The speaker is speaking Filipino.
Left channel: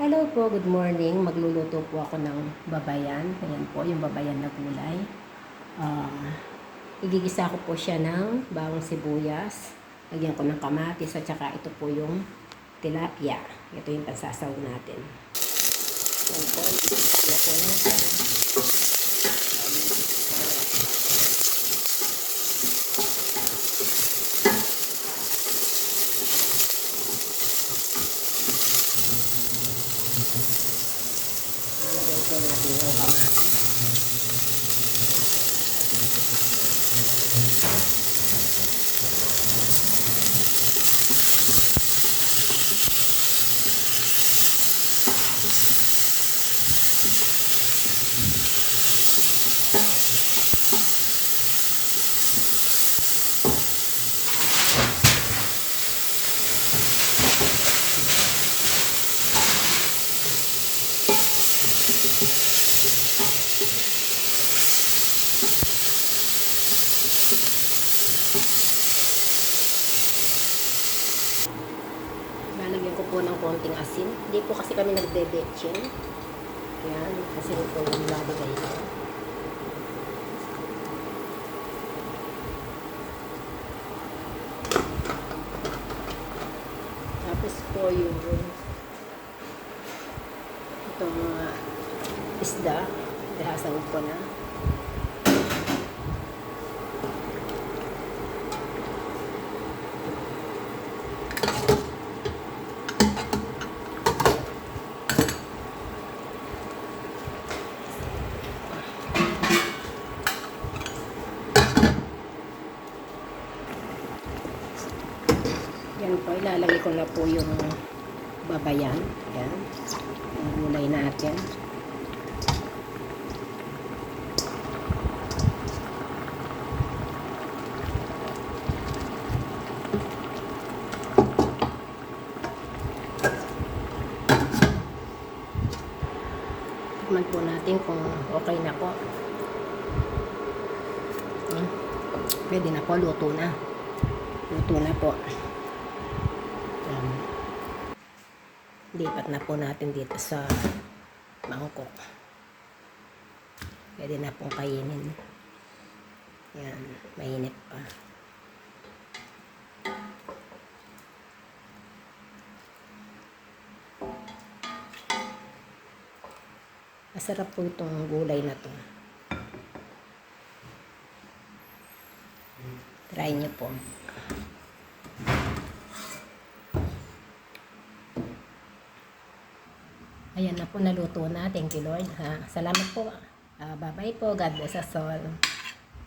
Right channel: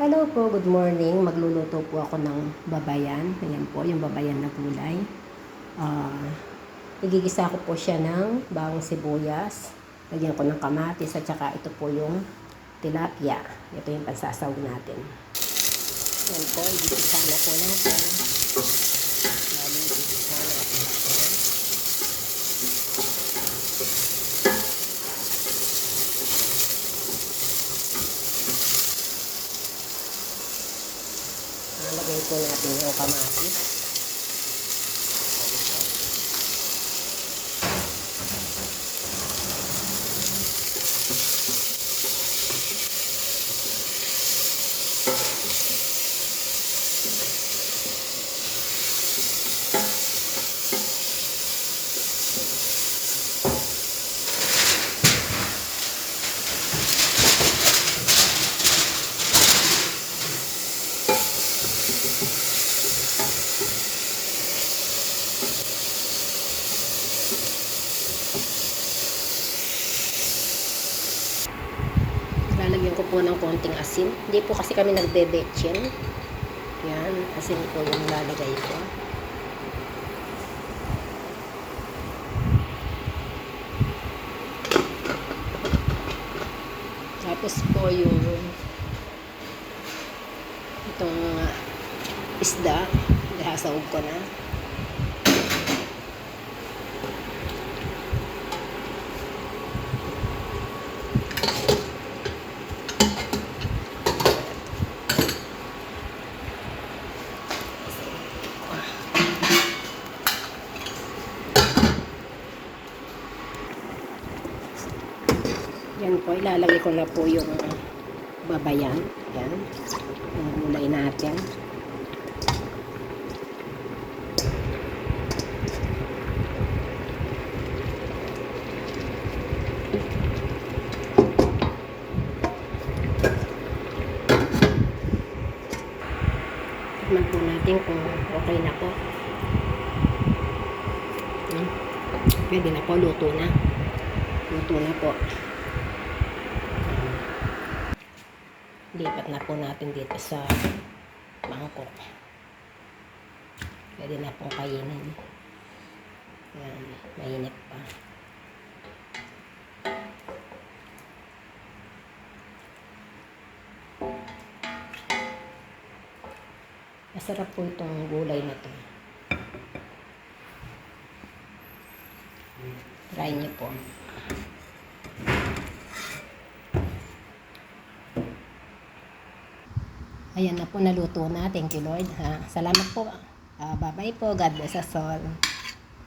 Hello po, good morning. Magluluto po ako ng babayan. Ayan po, yung babayan na gulay. Igigisa ko po siya ng bawang sibuyas. Lagyan ko ng kamatis at saka ito po yung tilapia. Ito yung pansasawag natin. Ayan po, igigisa na po natin. Igigisa natin ito. Lagyan po natin yung kamatis. Lalagyan ko po ng konting asin. Hindi po kasi kami nagbe-betchin. Yan, asin po yung lalagay ko. Tapos po yung itong isda, ihasawag ko na. Yan po, ilalagay ko na po yung babayan. Yan. Yung gulay natin. Tikman po natin kung okay na po. Pwede na po, luto na. Luto na po. Lipat na po natin dito sa mangkok. Pwede na pong kainin. Yan, mainit pa. Masarap po itong gulay na to. Try niyo po. Ayan na po, naluto na. Thank you, Lord. Salamat po. Bye-bye po. God bless us all.